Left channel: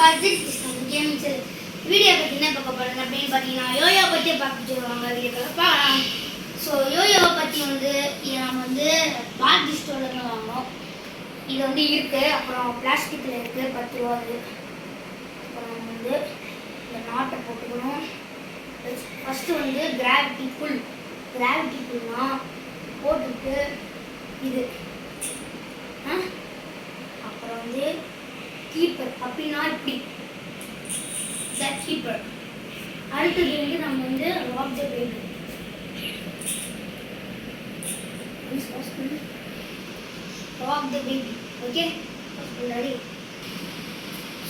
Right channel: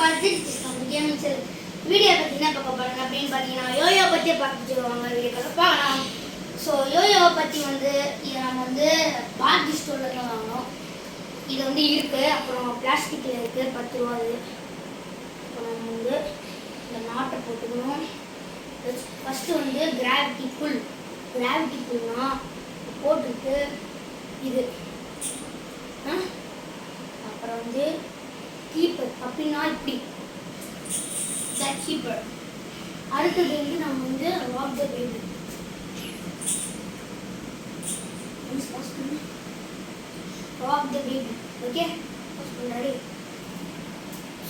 பார்த்து கேமிங் செல் வீடியோ பற்றி என்ன பார்க்க போகிறேன் அப்படின்னு பார்த்தீங்கன்னா யோயோ பற்றி பார்க்க சொல்லுவாங்க வீடியோக்களை பார்க்கலாம். ஸோ யோயோவை பற்றி வந்து இதை நம்ம வந்து பார்ட்டி ஸ்டோரில் தான் வாங்கினோம். இது வந்து இருக்குது, அப்புறம் பிளாஸ்டிக்கில் இருக்குது 10 ரூபா. அது அப்புறம் நம்ம வந்து இந்த நாட்டை போட்டுக்கணும். ஃபஸ்ட்டு வந்து கிராவிட்டி புல்னா போட்டுட்டு இது அப்புறம் வந்து கீப்பர் அப்படின்னா இப்படி கீப்பர். அடுத்தது வந்து நம்ம வந்து rock the baby. Rock the baby okay ready.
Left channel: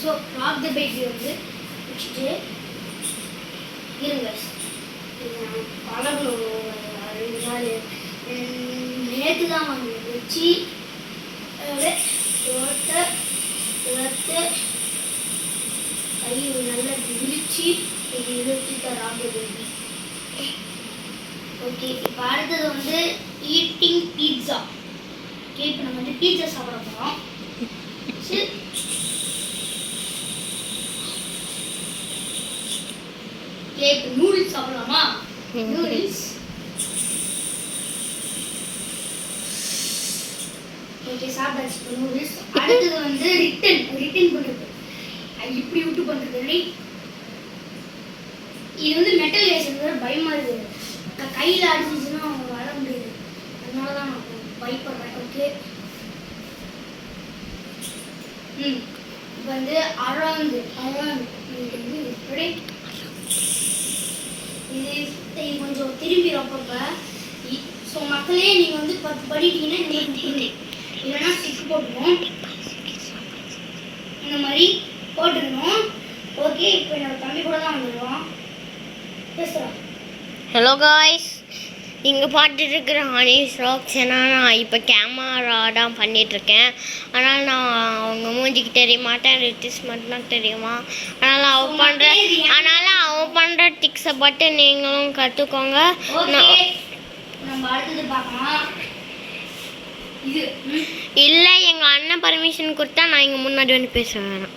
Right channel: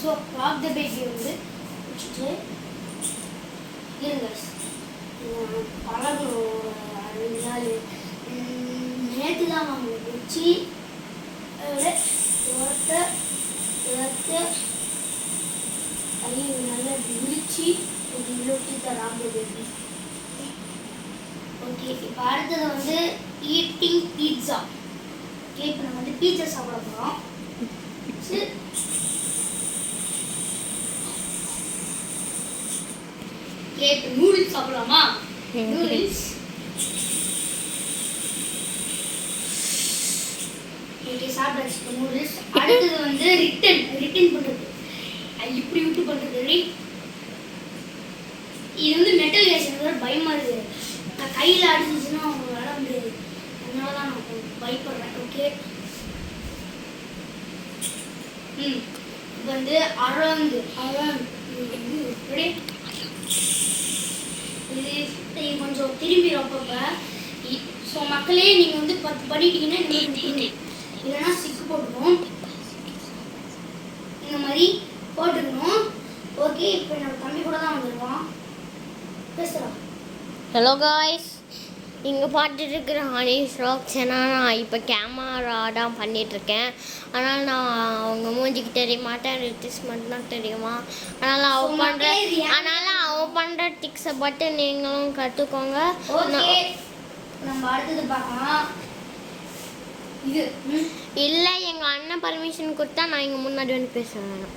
So rock the baby வந்து வச்சுட்டு இருங்க பழகணும். 2 நாள் நேற்று தான் வாங்க வச்சு கை நல்லா விரிச்சு இது இழுத்து ராக் த பேபி. ஓகே, இப்போ அடுத்தது வந்து ஈட்டிங் பீட்சா. ஓகே, இப்போ நம்ம வந்து பீட்சா சாப்பிட போகிறோம். ஓகே, இப்போ நூடுல்ஸ் சாப்பிடலாமா? நூடுல்ஸ் ஓகே சாப்பிடாச்சு நூடுல்ஸ். அடுத்தது வந்து ரிட்டன் பண்ணுறது. இப்படி விட்டு பண்ணுறது. இது வந்து மெட்டல் ஏசுறது பயமாக இருக்குது. நான் கையில் அடிச்சிச்சுன்னா அவங்க வர முடியாது, அதனால தான் நான் பயப்படுறேன். ஓகே, இப்போ வந்து அரௌண்டு இது கொஞ்சம் திரும்பி அப்பப்போ. ஸோ மக்களே நீங்கள் வந்து 10 பண்ணிட்டீங்கன்னா இல்லைன்னா 6 போட்டுக்கணும். இந்த மாதிரி போட்டுக்கணும். ஓகே, இப்போ என்னோட தம்பி கூட தான் வந்துடுவோம். பேசுகிறோம். ஹலோ காய்ஸ், இங்கே பார்த்துட்டு இருக்கிற ஹனீஸ் ராக்ஸ். ஏன்னா நான் இப்போ கேமரா தான் பண்ணிகிட்ருக்கேன். அதனால் நான் அவங்க மூஞ்சிக்கு தெரிய மாட்டேன், ரிட்டிஸ் மட்டும்தான் தெரியுமா. அதனால் அவன் பண்ணுற டிக்ஸை பட்டு நீங்களும் கற்றுக்கோங்க. நம்ம அடுத்தது பார்க்கலாம். இது இல்லை, எங்கள் அண்ணன் பர்மிஷன் கொடுத்தா நான் இங்கே முன்னாடி வந்து பேச வேணாம்.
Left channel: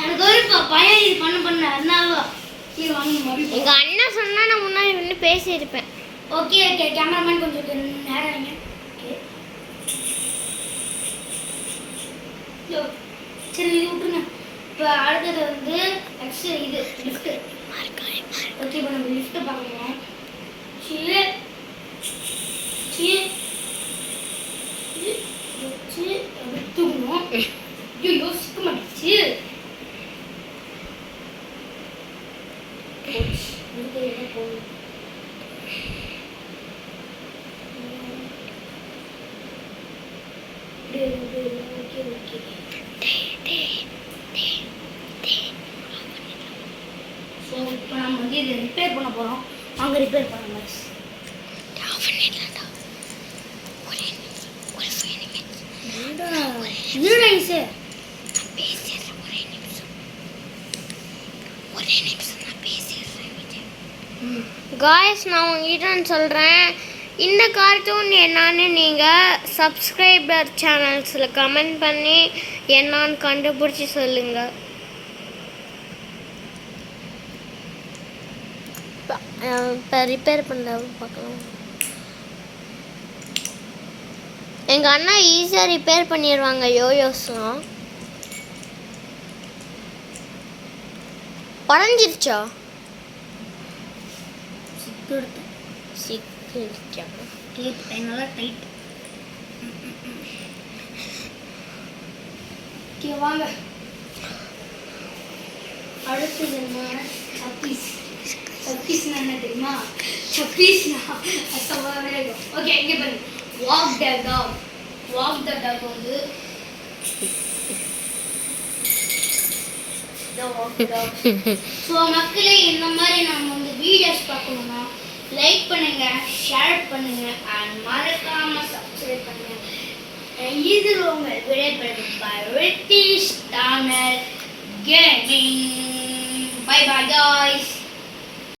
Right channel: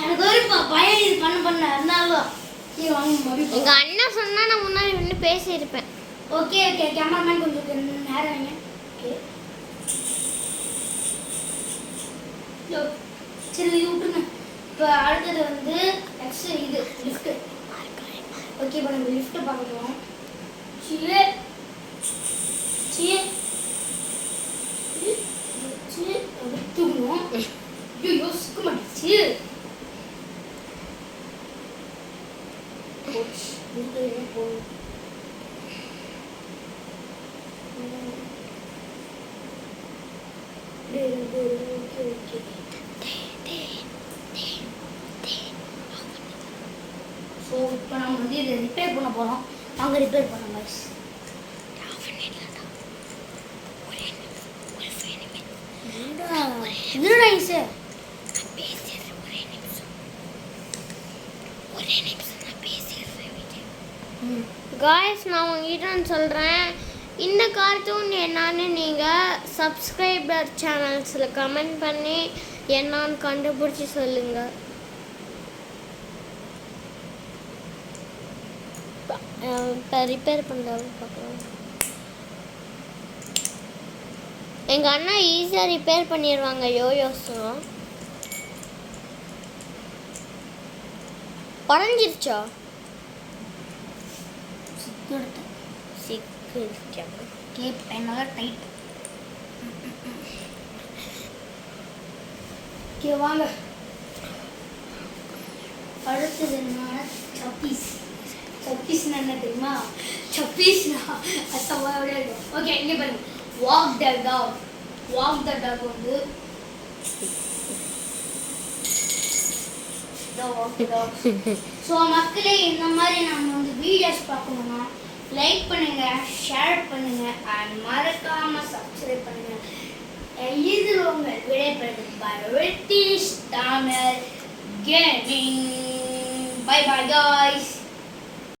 எனக்கு ஒரு பயம் இது பண்ண அதனால எங்கள் அண்ணன் சொன்னால் நான் முன்னாடி வந்து பேசியிருப்பேன். ஓகே ஓகே, கேமராமேன் கொஞ்சம் நேரம் வைங்க. ஓகே சரி, இது விட்டுருங்க. இப்போ அடுத்தது வந்து நெக்ஸ்ட் இது லிஃப்ட்டு. ஓகே, இப்போ நம்ம லிஃப்ட்டு பார்க்கலாம். தூக்கணும். ஐயோ சிக்க மாட்டேச்சு. போகணும். ஓகே ஓகே, ஸோ இப்போ நம்ம வந்து இதை ரிப்பேர் பண்ண போகிறோம். அங்கே ரிப்பேர் பண்ணுங்க. காய்ஸ், நான் உங்ககிட்ட சொல்கிறேன், இந்த கார்ட்டூன் என்னன்னு நீங்கள் சப்ஸ்கிரைபர் சேனல்ஸில் கமெண்ட் பண்ணி என்னான்னு கண்டுபிடிச்சி சொல்லுங்கள். இப்போ ரிப்பேர் பண்ணுறது பார்க்கலாம். எங்கள் அண்ணா ஈஸியாக ரிப்பேர் பண்ணிடுவாங்க யோயோஸ்லாம். உடஞ்சிருச்சா? சிக்கிடுச்சா? டேப் நல்லா டைட். ஓகே வாங்க, அடுத்தது என்ன? சப்பீஸ்னா என்ன தெரியுமா? சப்பீஸ்னா அசமாவே இருக்கும். ஓகே, இங்கே பாருங்க. வாக் த டாக் வந்து ஸோ மக்களே, இந்த மாதிரி நம்ம வந்து வீடியோஸ் பார்க்கணுமா லைக் பண்ணுங்க, ஷேர் பண்ணுங்க, அண்ட் மறக்காம சப்ஸ்கிரைப் பண்ணுங்க. இது உங்கள் விடைபெறும் by Ritish Tamil gaming. Bye bye guys.